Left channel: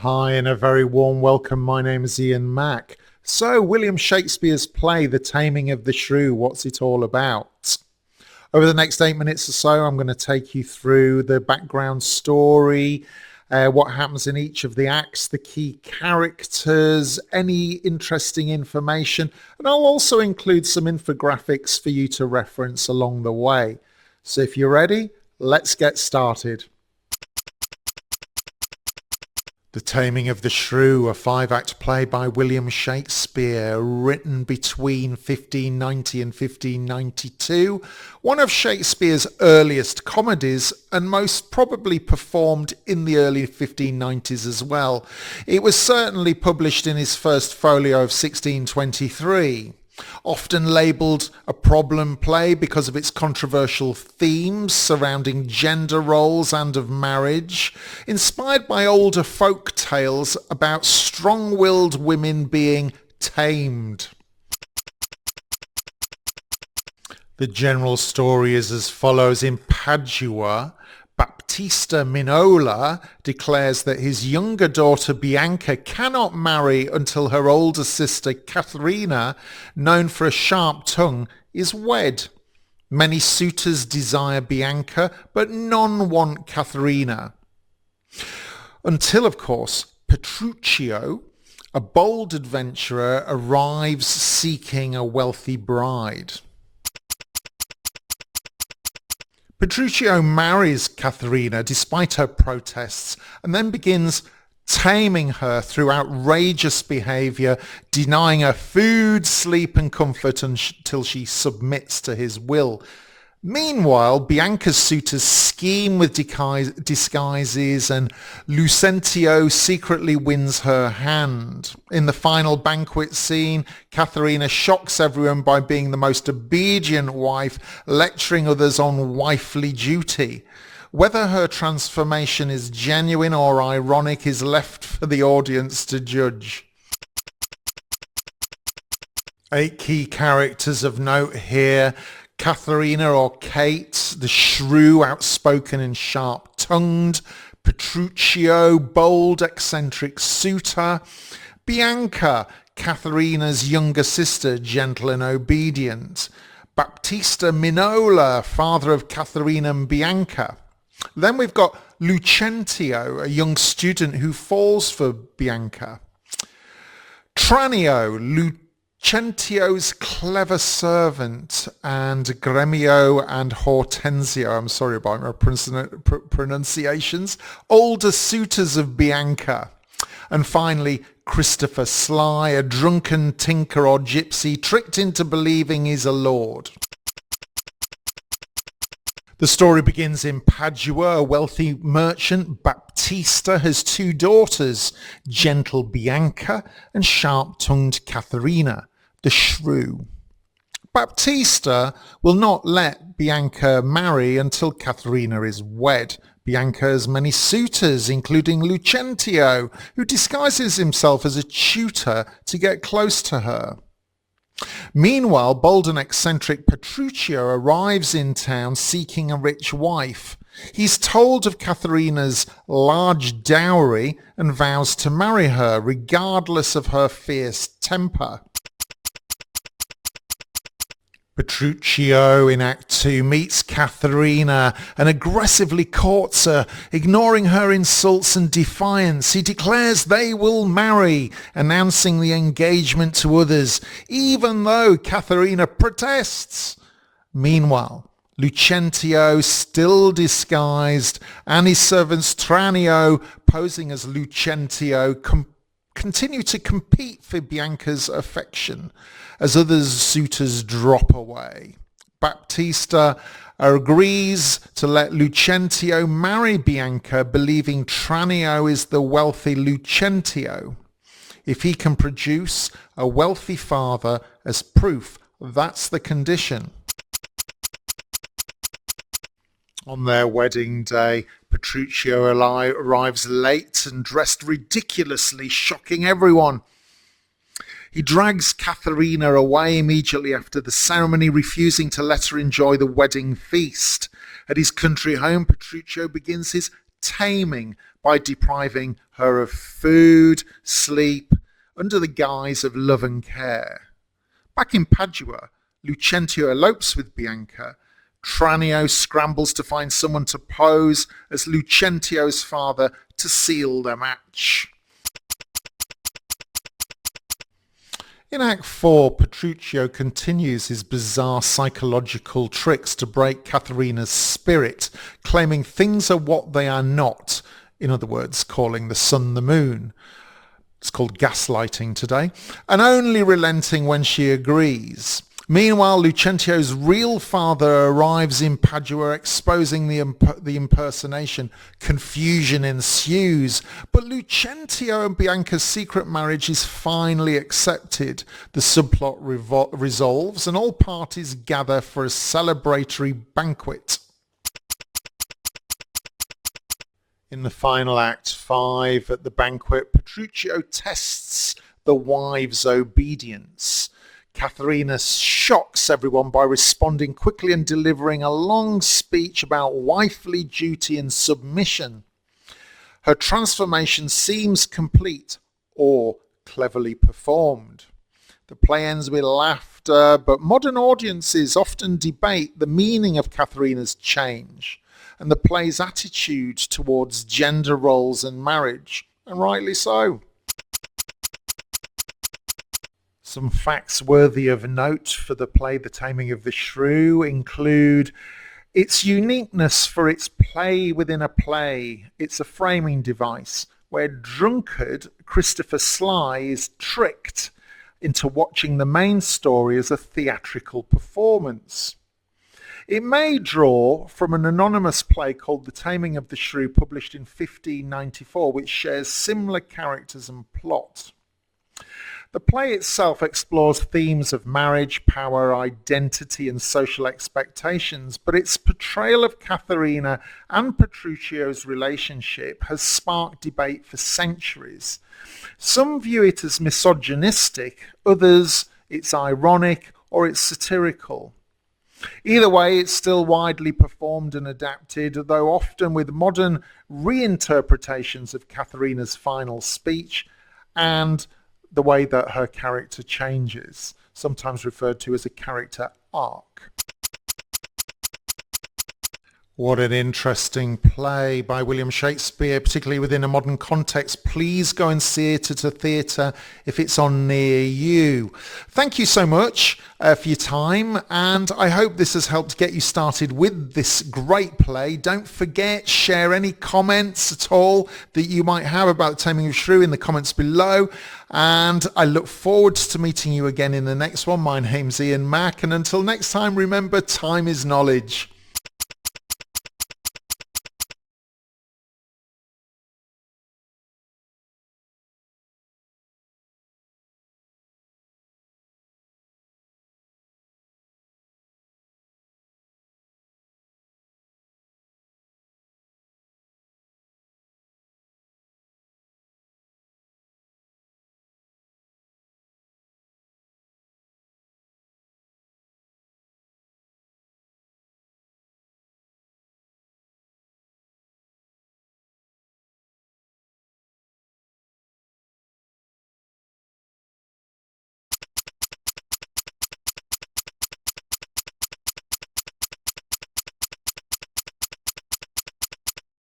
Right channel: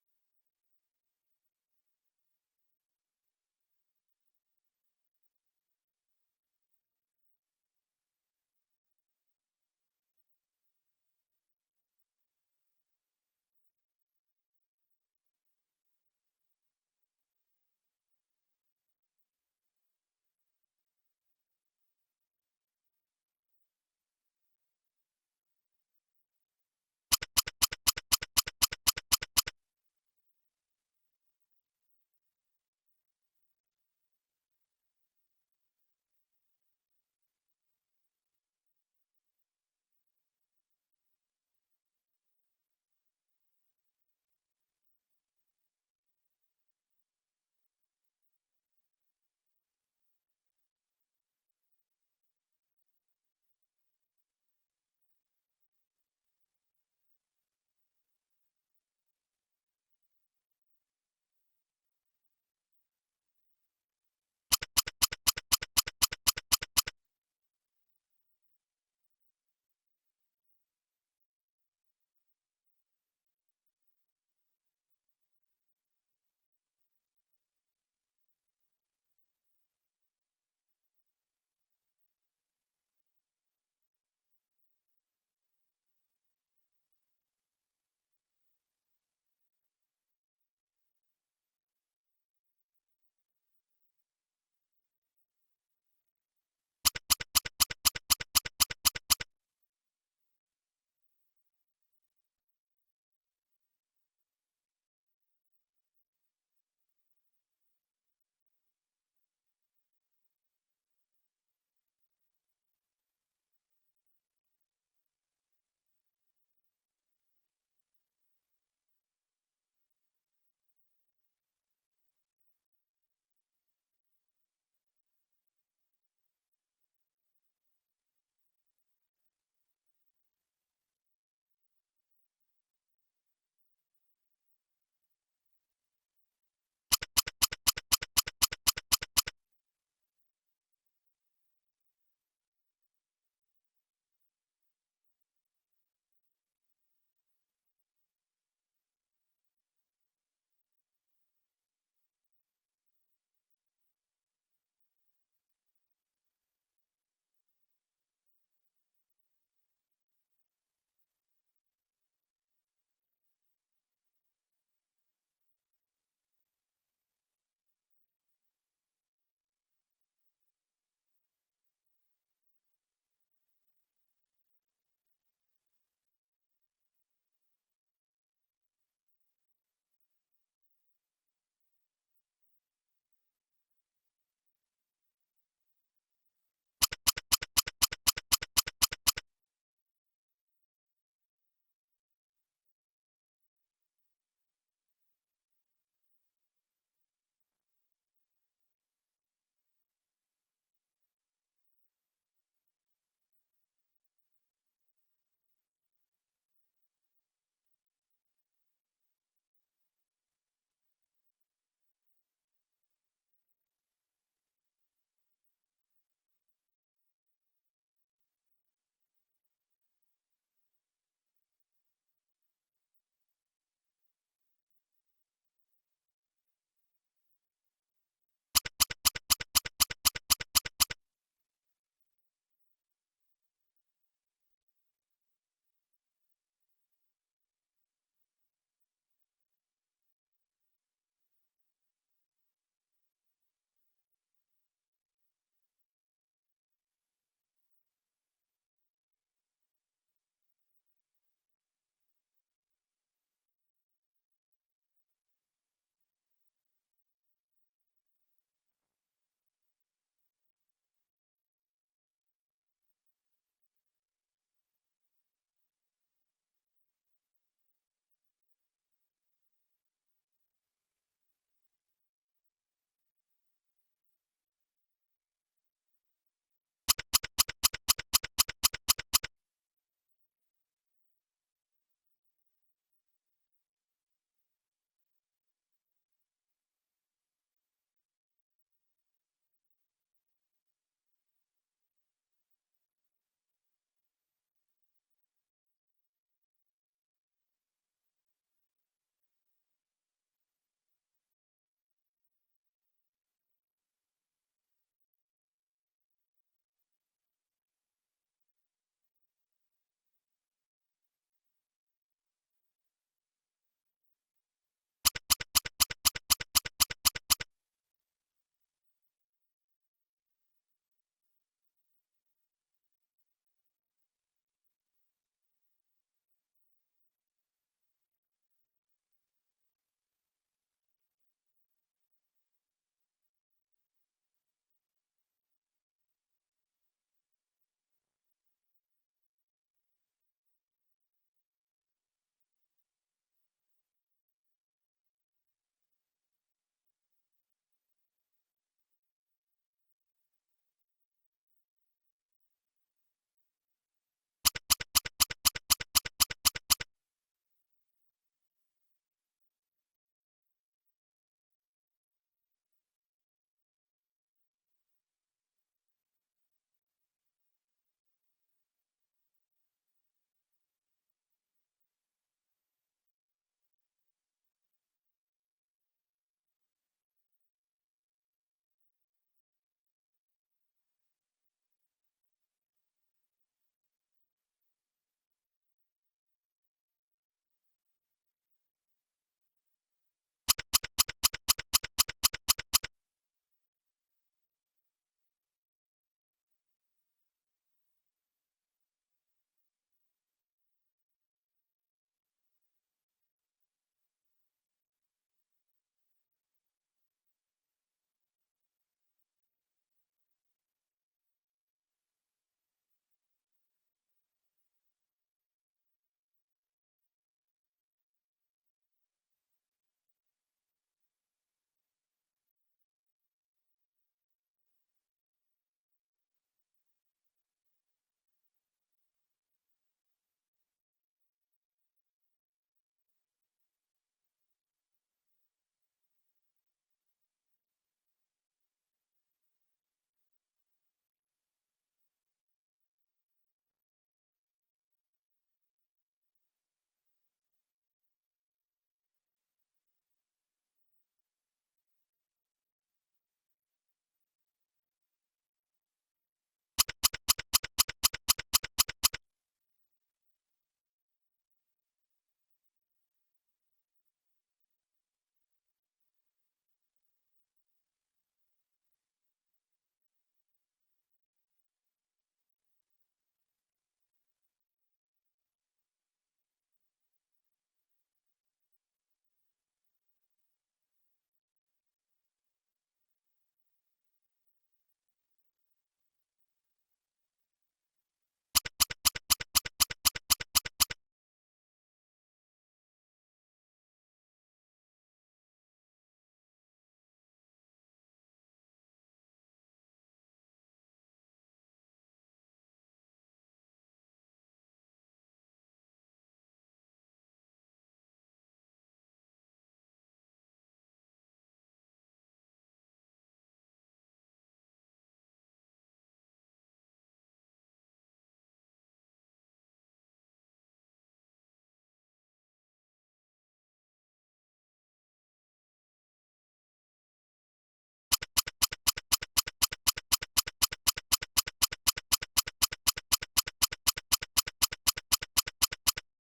Hi, and a very warm welcome. My name is Ian Mack. So, William Shakespeare's play, The Taming of the Shrew, what's it all about? Over the next 8 minutes or so, I'm going to take you through the background story, what happens in each of the acts, the key characters, any interesting information, and I'll also include some infographics for you to reference along the way. So, if you're ready, let's get started. The Taming of the Shrew, a five-act play by William Shakespeare, written between 1590 and 1592, one of Shakespeare's earliest comedies and most probably performed in the early 1590s as well. It was certainly published in his first folio of 1623. Often labelled a problem play because of its controversial themes surrounding gender roles and of marriage, inspired by older folk tales about strong-willed women being tamed. The general story is as follows. In Padua, Baptista Minola declares that his younger daughter Bianca cannot marry until her older sister Katharina, known for a sharp tongue, is wed. Many suitors desire Bianca, but none want Katharina. Until, of course, Petruchio, a bold adventurer, arrives seeking a wealthy bride. Petruchio marries Katharina despite her protests and then begins taming her through outrageous behaviour, denying her food, sleep and comfort until she submits to his will. Meanwhile, Bianca's suitors scheme with disguises and Lucentio secretly wins her hand. In the final banquet scene, Katharina shocks everyone by being the most obedient wife, lecturing others on wifely duty. Whether her transformation is genuine or ironic is left for the audience to judge. 8 key characters of note here. Katharina or Kate, the shrew, outspoken and sharp-tongued. Petruchio, bold, eccentric suitor. Bianca, Katharina's younger sister, gentle and obedient. Baptista Minola, father of Katharina and Bianca. Then we've got Lucentio, a young student who falls for Bianca. Tranio, Lucentio's clever servant, and Gremio and Hortensio, I'm sorry about my pronunciations, older suitors of Bianca. And finally, Christopher Sly, a drunken tinker or gypsy tricked into believing he's a lord. The story begins in Padua. A wealthy merchant, Baptista, has 2 daughters, gentle Bianca and sharp-tongued Katharina, the shrew. Baptista will not let Bianca marry until Katharina is wed. Bianca has many suitors, including Lucentio, who disguises himself as a tutor to get close to her. Meanwhile, bold and eccentric Petruchio arrives in town seeking a rich wife. He's told of Katharina's large dowry and vows to marry her, regardless of her fierce temper. Petruchio in Act 2 meets Katharina and aggressively courts her, ignoring her insults and defiance. He declares they will marry, announcing the engagement to others, even though Katharina protests. Meanwhile, Lucentio, still disguised, and his servants Tranio, posing as Lucentio, continue to compete for Bianca's affection as other suitors drop away. Baptista agrees to let Lucentio marry Bianca, believing Tranio is the wealthy Lucentio. If he can produce a wealthy father as proof, that's the condition. On their wedding day, Petruchio arrives late and dressed ridiculously, shocking everyone. He drags Katharina away immediately after the ceremony, refusing to let her enjoy the wedding feast. At his country home, Petruchio begins his taming by depriving her of food, sleep, under the guise of love and care. Back in Padua, Lucentio elopes with Bianca. Tranio scrambles to find someone to pose as Lucentio's father to seal the match. In Act 4, Petruchio continues his bizarre psychological tricks to break Katharina's spirit, claiming things are what they are not, in other words, calling the sun the moon. It's called gaslighting today, and only relenting when she agrees. Meanwhile, Lucentio's real father arrives in Padua, exposing the impersonation. Confusion ensues, but Lucentio and Bianca's secret marriage is finally accepted. The subplot resolves, and all parties gather for a celebratory banquet. In the final Act 5, at the banquet, Petruchio tests the wife's obedience. Katharina shocks everyone by responding quickly and delivering a long speech about wifely duty and submission. Her transformation seems complete or cleverly performed. The play ends with laughter, but modern audiences often debate the meaning of Katharina's change and the play's attitude towards gender roles and marriage, and rightly so. Some facts worthy of note for the play The Taming of the Shrew include its uniqueness for its play within a play. It's a framing device where drunkard Christopher Sly is tricked into watching the main story as a theatrical performance. It may draw from an anonymous play called The Taming of the Shrew, published in 1594, which shares similar characters and plot. The play itself explores themes of marriage, power, identity, and social expectations, but its portrayal of Katharina and Petruchio's relationship has sparked debate for centuries. Some view it as misogynistic, others it's ironic or it's satirical. Either way, it's still widely performed and adapted, though often with modern reinterpretations of Katharina's final speech and the way that her character changes, sometimes referred to as a character arc. What an interesting play by William Shakespeare, particularly within a modern context. Please go and see it at a theatre if it's on near you. Thank you so much for your time, and I hope this has helped get you started with this great play. Don't forget, share any comments at all that you might have about Taming of Shrew in the comments below, and I look forward to meeting you again in the next one. My name's Ian Mack, and until next time, remember, time is knowledge.